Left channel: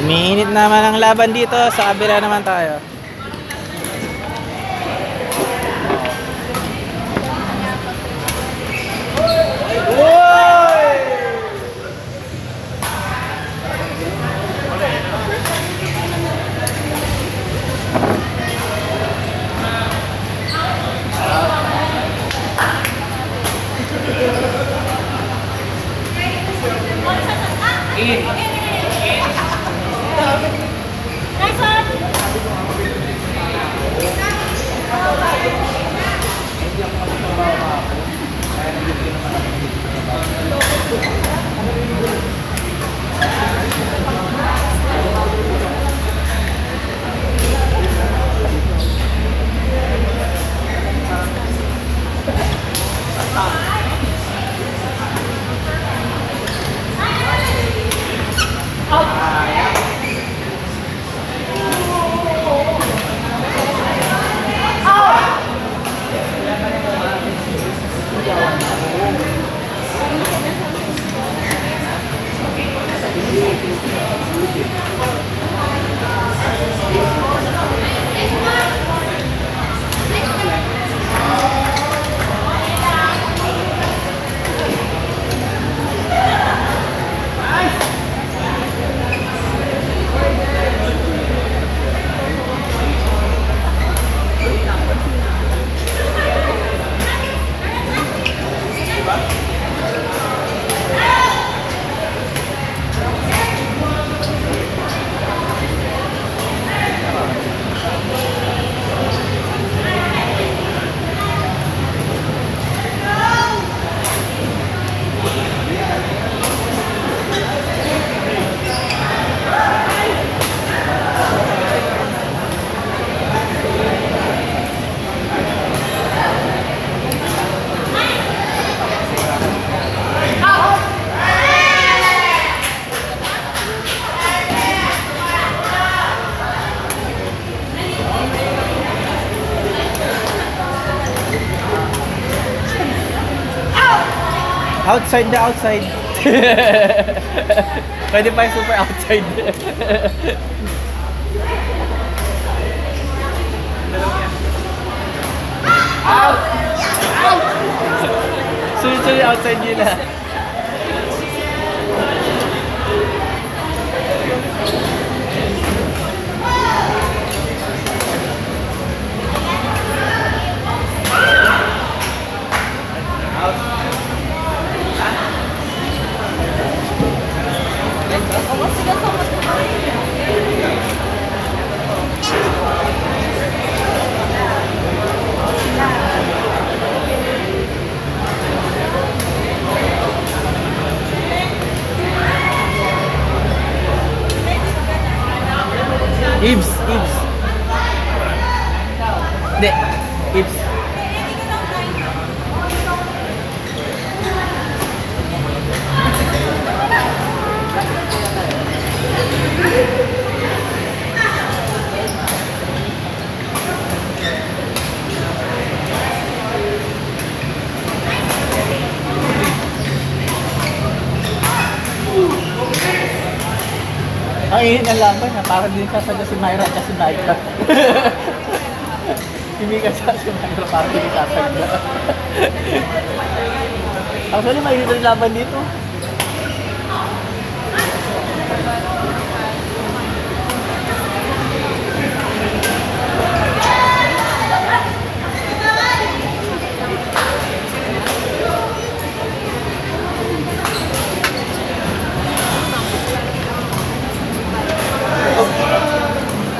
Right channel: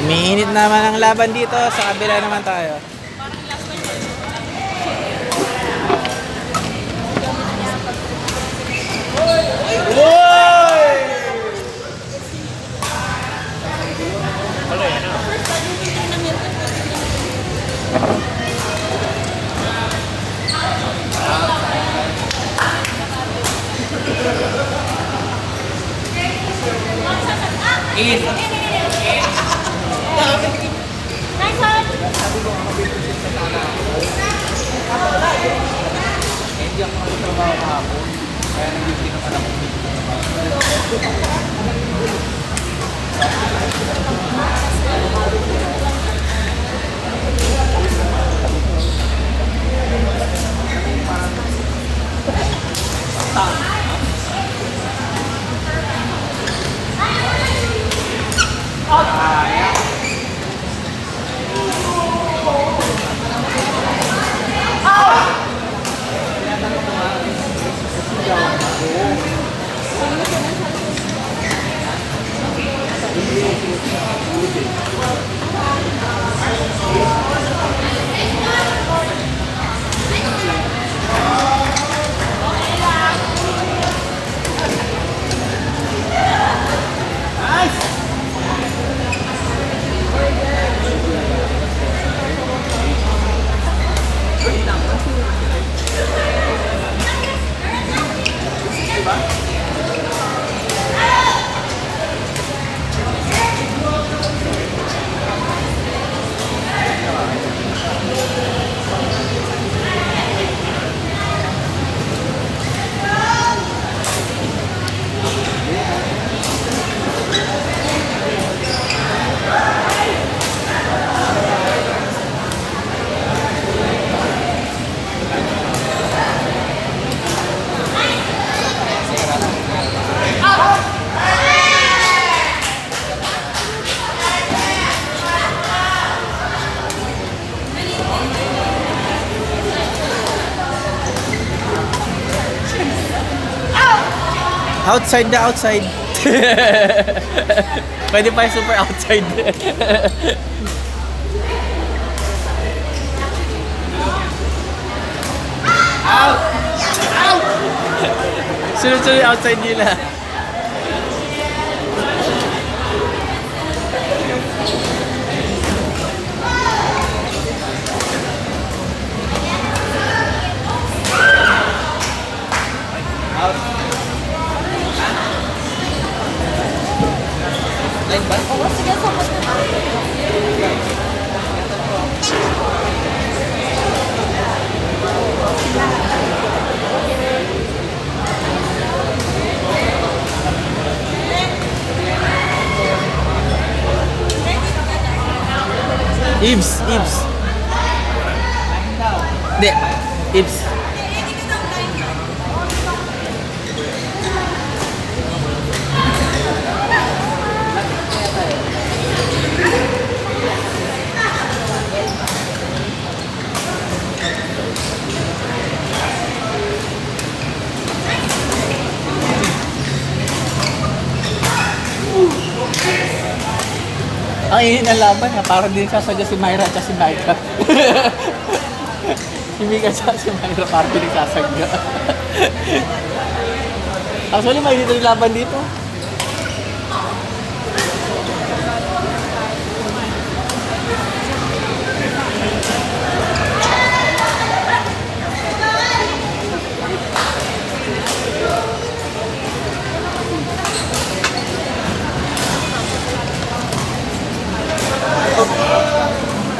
Umiinit naman ang laban dito. Sa kabila naman tayo. Outside na outside. Pwede pa yung super outside. Sunod-sunod yung outside nila. Oo, sige, sumot mo. Ibs. Hindi. Ibs. Ay, yun ang laban ha. Parang din sasadya si Myra at si Myra. Hindi ka si Myra, parang din sasadya. Actually, may dito yung laban dito.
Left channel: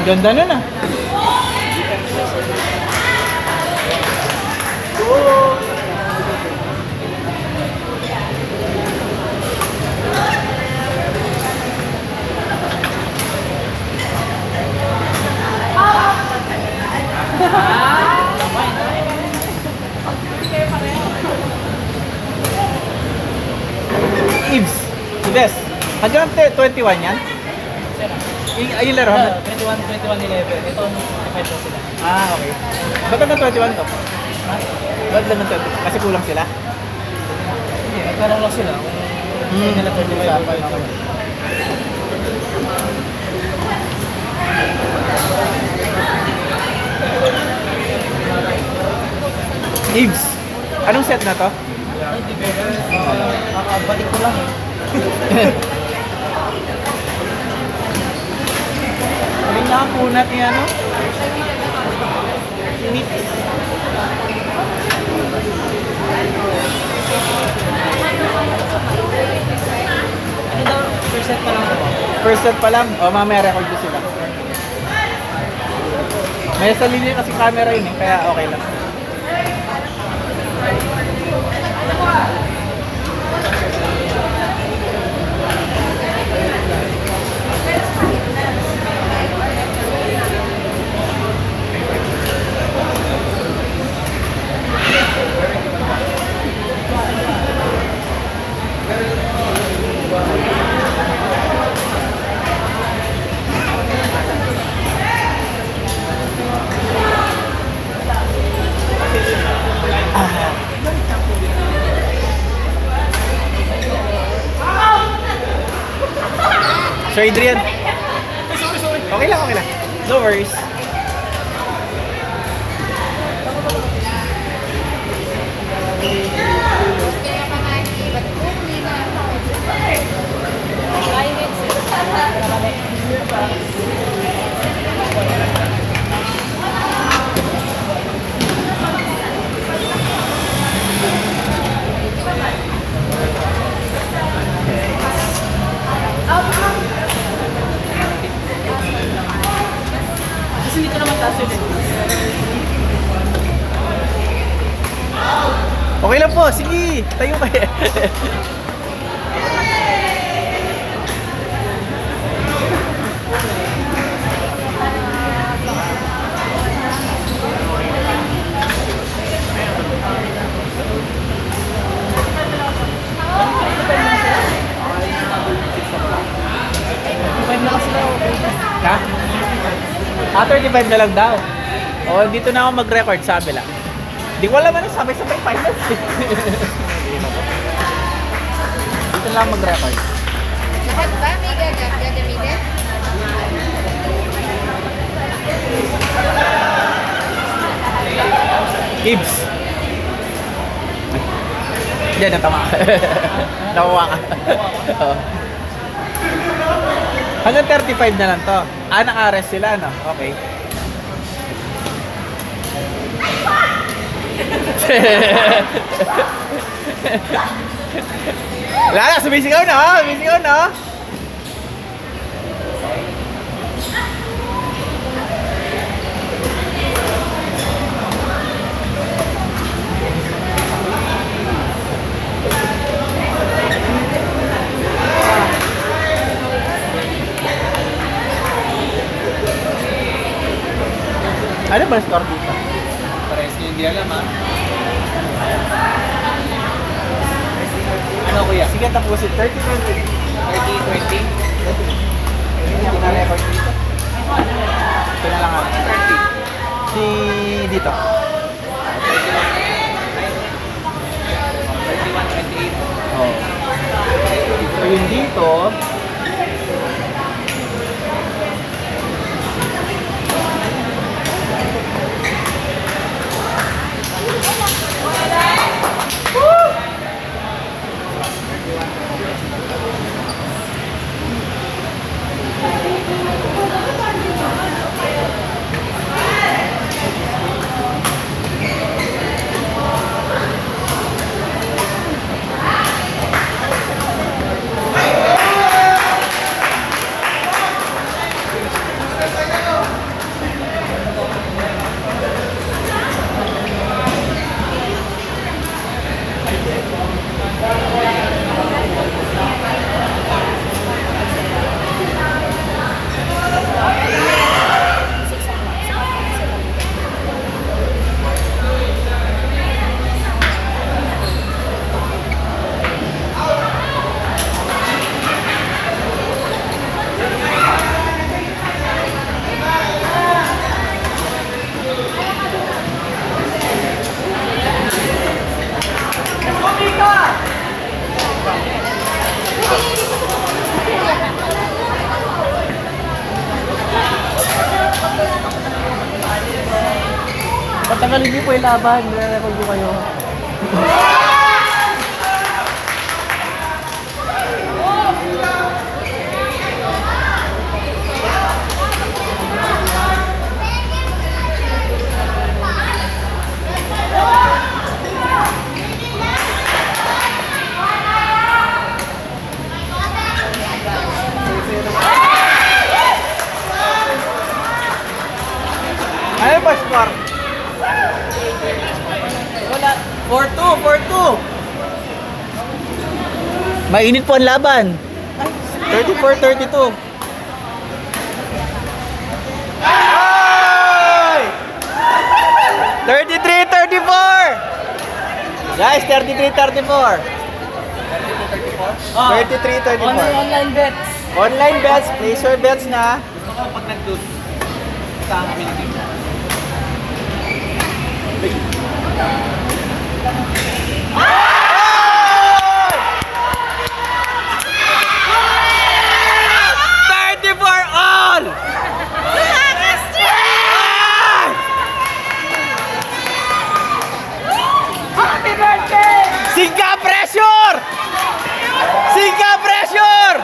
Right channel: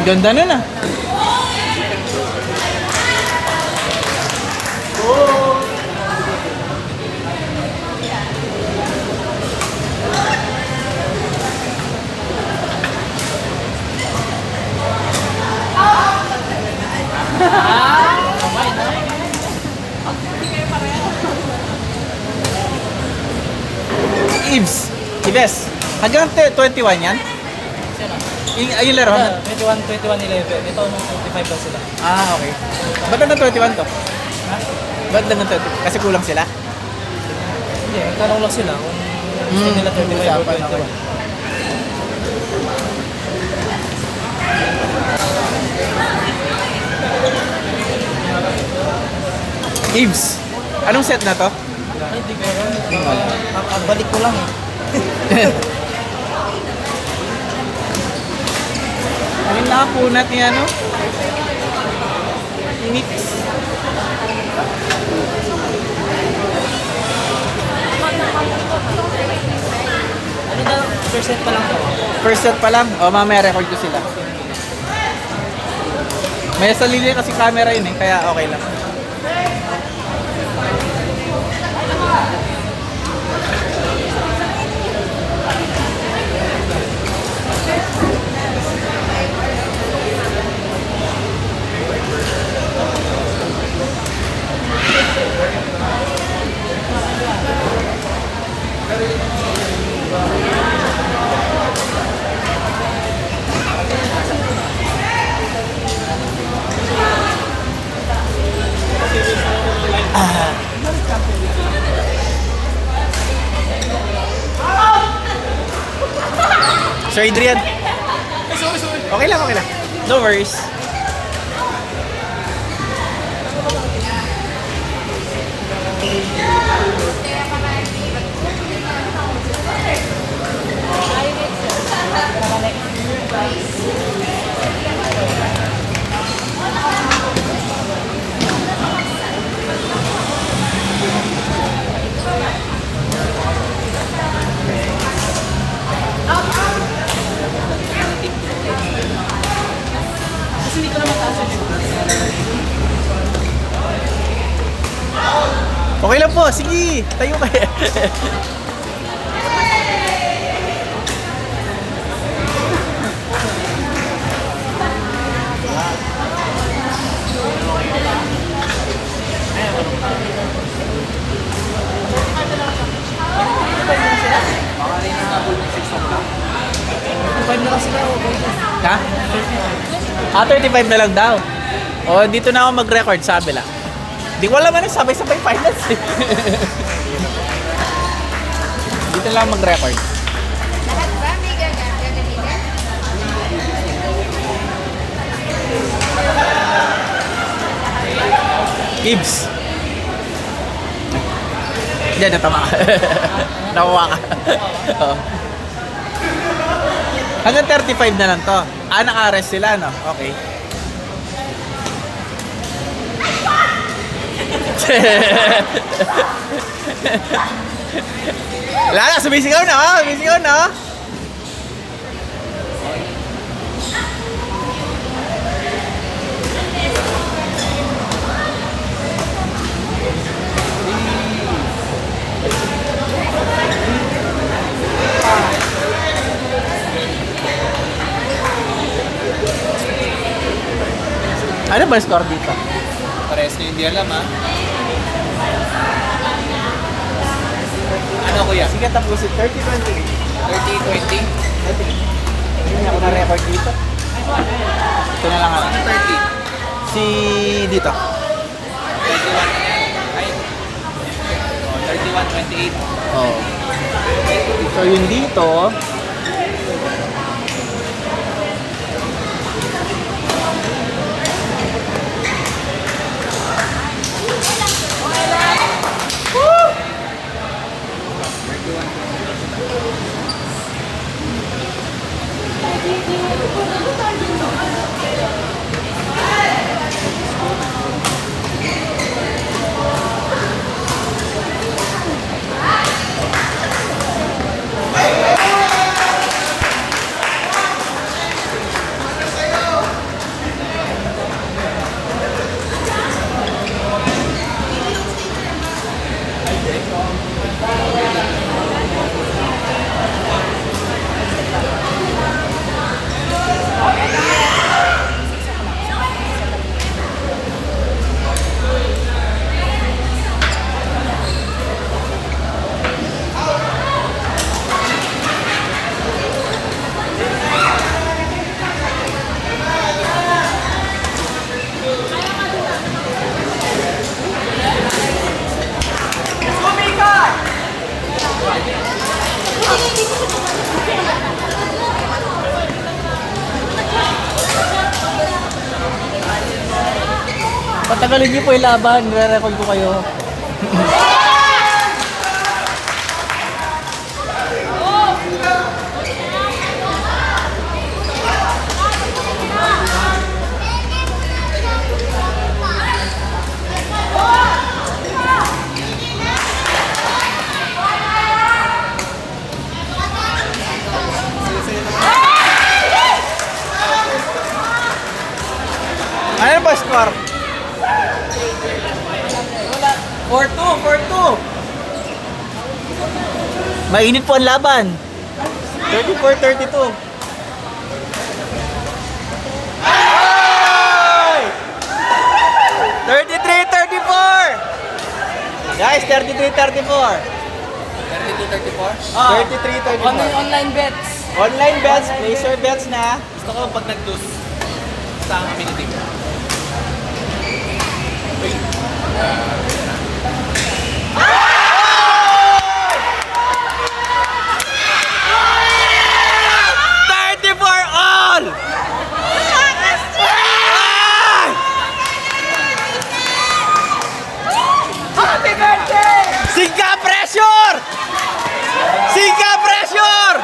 Ganda nun ah. Ibs. Ibs. Hanggang 21 yan? Ayun laro? 21-11. Ito, 25 daw sila. Ah, okay. Ba't lang ng 21 to? Ba't lang ng 20? Kasi kulang sila? Hindi, nagkaroon lang sila. Kung hindi nila 25 usapan, or 21. okay. Gibbs. Anong set na to? Hindi ko. Balik ko lang eh. Ayun na ang punat niya, no? Mix. Ano daw? First set pa lang daw. First set pa lang. O, mamaya record ko sila. May sarili kasi camera yun eh, kaya okay lang. Sir Adrian. Sorry. Okay lang, okay lang. No worries. Okay lang po, sige. Tayo kayo. Ha? 35 na lang daw. Oh, dito na ako mag-record, sabi lang. Di ko alam ano, sabay-sabay finals eh. Dito lang mag-record. Gibbs. Hindi, natama ka. Nakuha ka. Oo. Hanggang 35 na lang to. Ah, naka-arrest sila, no? Okay. Wala na, sumisigaw na, ha? Sumisigaw na, ha? Ano ba score dito? Pares na hindi alam ha. Ano kuya? Sige, tapusin. 30-20. 30-20? Hindi ako na-record dito. Ito na lang ako. 30? Si dito. 31-28? Oh. So yun dito. Tatagalin niyo po yung laban. Re-record ko kayo. Ano ba score? Wala. 4-2, 4-2. Mainit po ang laban. 34-32. Ay! 33-34. Guys, 33-34. 32-34? 33-34. Online bets. Online bets, place your bets na. Gusto ko pag nag-lose sa pinitig. All! Happy birthday! Singka pressure! Singka pressure!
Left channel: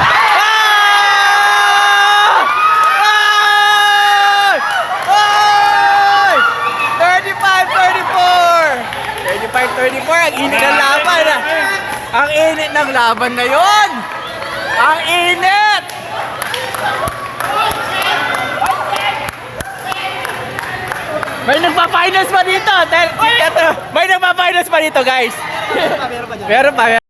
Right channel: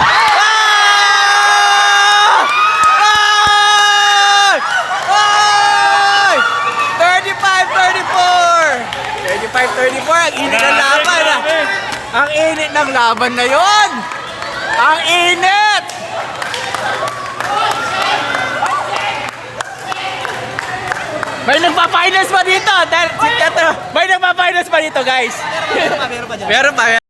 Ah! Ay! Ay! 35-34! Ang init ng laban ah! Ang init ng laban na yon! Ang init! May nagpa-finals pa dito! May nagpa-finals pa dito guys! Meron pa.